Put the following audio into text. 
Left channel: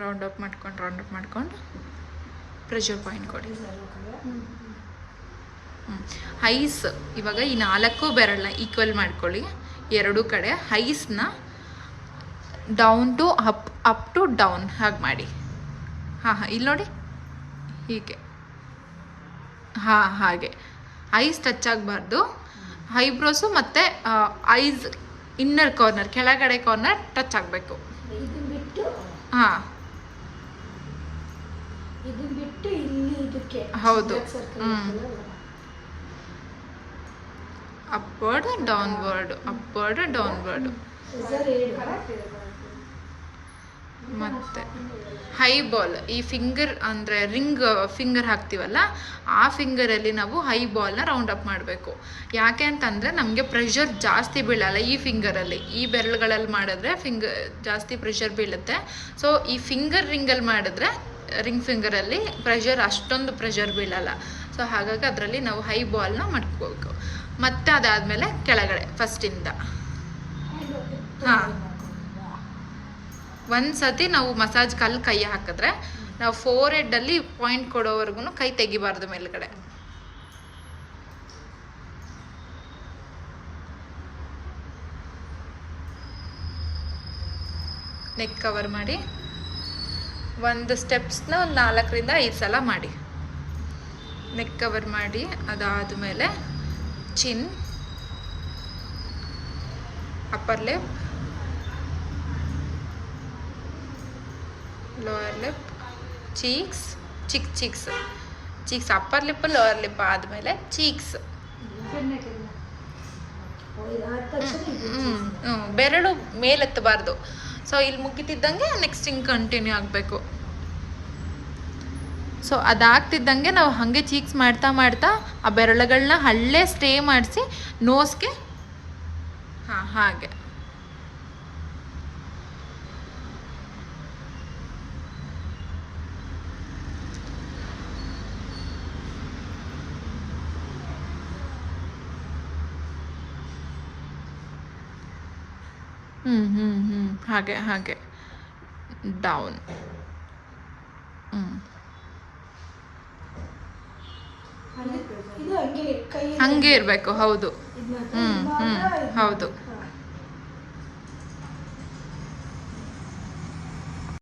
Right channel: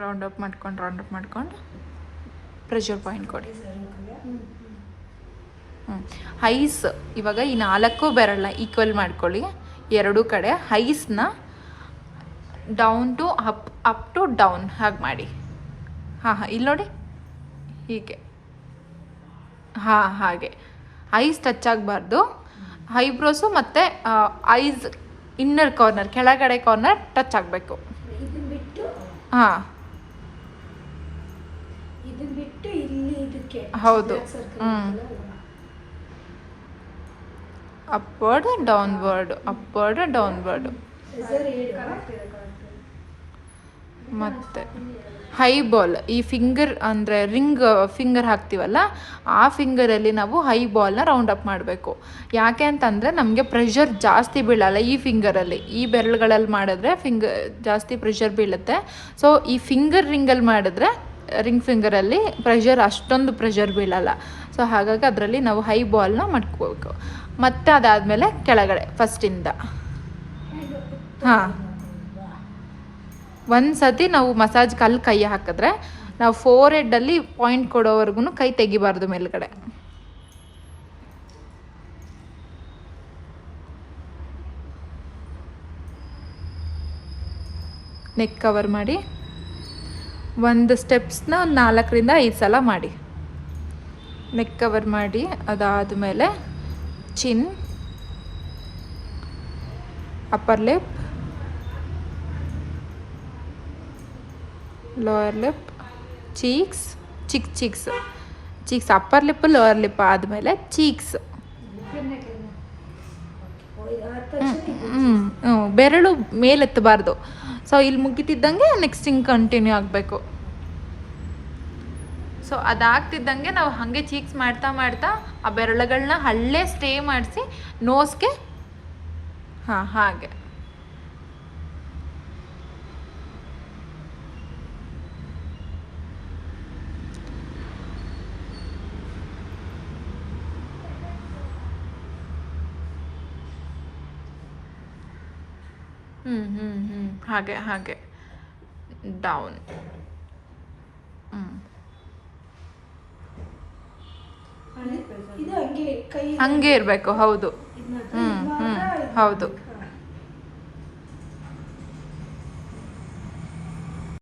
Round up ಮಾಡ್ಕೊಂಡು pressure point ಕೊಡಿ. Eyes ಇವಾಗ ಈ 4 ಬೆರಳನ್ನ ಈಕ್ವಲ್ ಮಾಡ್ಕೊಳ್ಳಿ ಎರಡೂ ಕಡೆ. ಐಸ್ನ down to up to down ಹಾಗೆ ಮಾಡಿ. ಹಾಂ ಇಲ್ಲಿ ನೋಡಿ ಹೀಗೆ. ಹಾಗೆ ಐಸ್ ಟಚ್ ಆಗಬಾರ್ದು. ಐಬ್ರೋಸು ಮತ್ತು ಐಸ್ ಇನ್ನರ್ ಕಾರ್ನರ್ ಕೆಳಗಡೆ ಕಾರ್ನರ್ ಟಚ್ ಆಗಬೇಕು. ಹಾಂ ಹೌದು. ಅಪ್ವರ್ಡ್ ಡೌನ್ವರ್ಡ್ ಮತ್ತು ಹೈ ಬಾಲ್ ಈ ಫಿಂಗರ್ ಅಂದರೆ ರಿಂಗ್ ಫಿಂಗರ್ ಹಾಕ್ತೀವಲ್ಲ ಆ ಫಿಂಗರಲ್ಲಿ ನಾವು ಹೈ ಬಾಲ್ನ ರೌಂಡ್ ಅಪ್ ಮಾಡಬೇಕು. ಯಾಕೆ ಅಂತಂದರೆ ನಮಗೆ ಪ್ರೆಷರ್ ಜಾಸ್ತಿ ಬೀಳಲ್ಲ ಈ ಫಿಂಗರಲ್ಲಿ. ಈ ಬೆರಳುಗಳಲ್ಲಿ ಮಾಡಿದ್ರೆ ಜಾಸ್ತಿ ಪ್ರೆಷರ್ ಬೀಳುತ್ತೆ. ಸೊ ಈ ಫಿಂಗರ್ ರಿಂಗಲ್ಲಿ ಮಾಡಿದ್ರೆ ರಿಂಗ್ ಫಿಂಗರಲ್ಲಿ ಅಷ್ಟೊಂದು ಪ್ರೆಷರ್ ಬೀಳಲ್ಲ. ಸೊ ಹಾಗಾಗಿ ಅದರಲ್ಲಿ ನಾವು ಹೈ ಬಾಲ್ನ ಮಾಡ್ಕೋಬೇಕು. ಮತ್ತು ಅದಾದಮೇಲೆ ಕೆಳಗಡೆ ಫಸ್ಟಿಂದ ಒಂದು ಸತಿ ನಾವು ಮಸಾಜ್ ಕೈ ಹಾಕಿದ್ರೆ ನಾವು ಫೋರ್ ಹೆಡ್ಡಲ್ಲಿ ಪಾಯಿಂಟ್ ಕೊಡೋವರೆಗೂ ಕೈ ತೆಗಿಬಾರ್ದು ಮೇಲ್ಗಡೆ. ನೆಕ್ ಕವರ್ ಮಾಡಿ ಒಂದು ಸ್ಟೆಪ್ಸ್ನ 4ರಿಂದ 5 ಸಲ ಮಾಡಿ. ನೆಕ್ ಕವರ್ ಮಾಡಿ ಅದಾದಮೇಲೆ chin, upper lip, lower lip, cheeks upper lip lower lip ಆದಮೇಲೆ ಚೀಕ್ಸ್. ಬೆರಳು ಮೇಲೆತ್ತಬಾರ್ದು. ಸೊ ಇಲ್ಲಿ ಮುಗಿತಿದ್ದಂಗೆ ನೆಕ್ಸ್ಟ್ ಹಿಂಗೆ ಕಂಟಿನ್ಯೂ ಆಗಬೇಕು. ಸೊ ಅದಾಗ್ತಿದ್ದಂಗೆ ನಾವು ಹಾಗೆ ಚೀಕ್ಸ್ ಮಾಡ್ತಾ ಆ ಬೆರಳುಗಳನ್ನ ಹಳ್ಳೆ ಸ್ಟೇ ಮಾಡಿಸಿ ನೋಸ್ಗೆ ಹಾಗೆ. ಹಾಗೆ ಡೌನ್. ಹಂಗೆ ಇರಬೇಕು. ಹೌದು. ಹೌದು.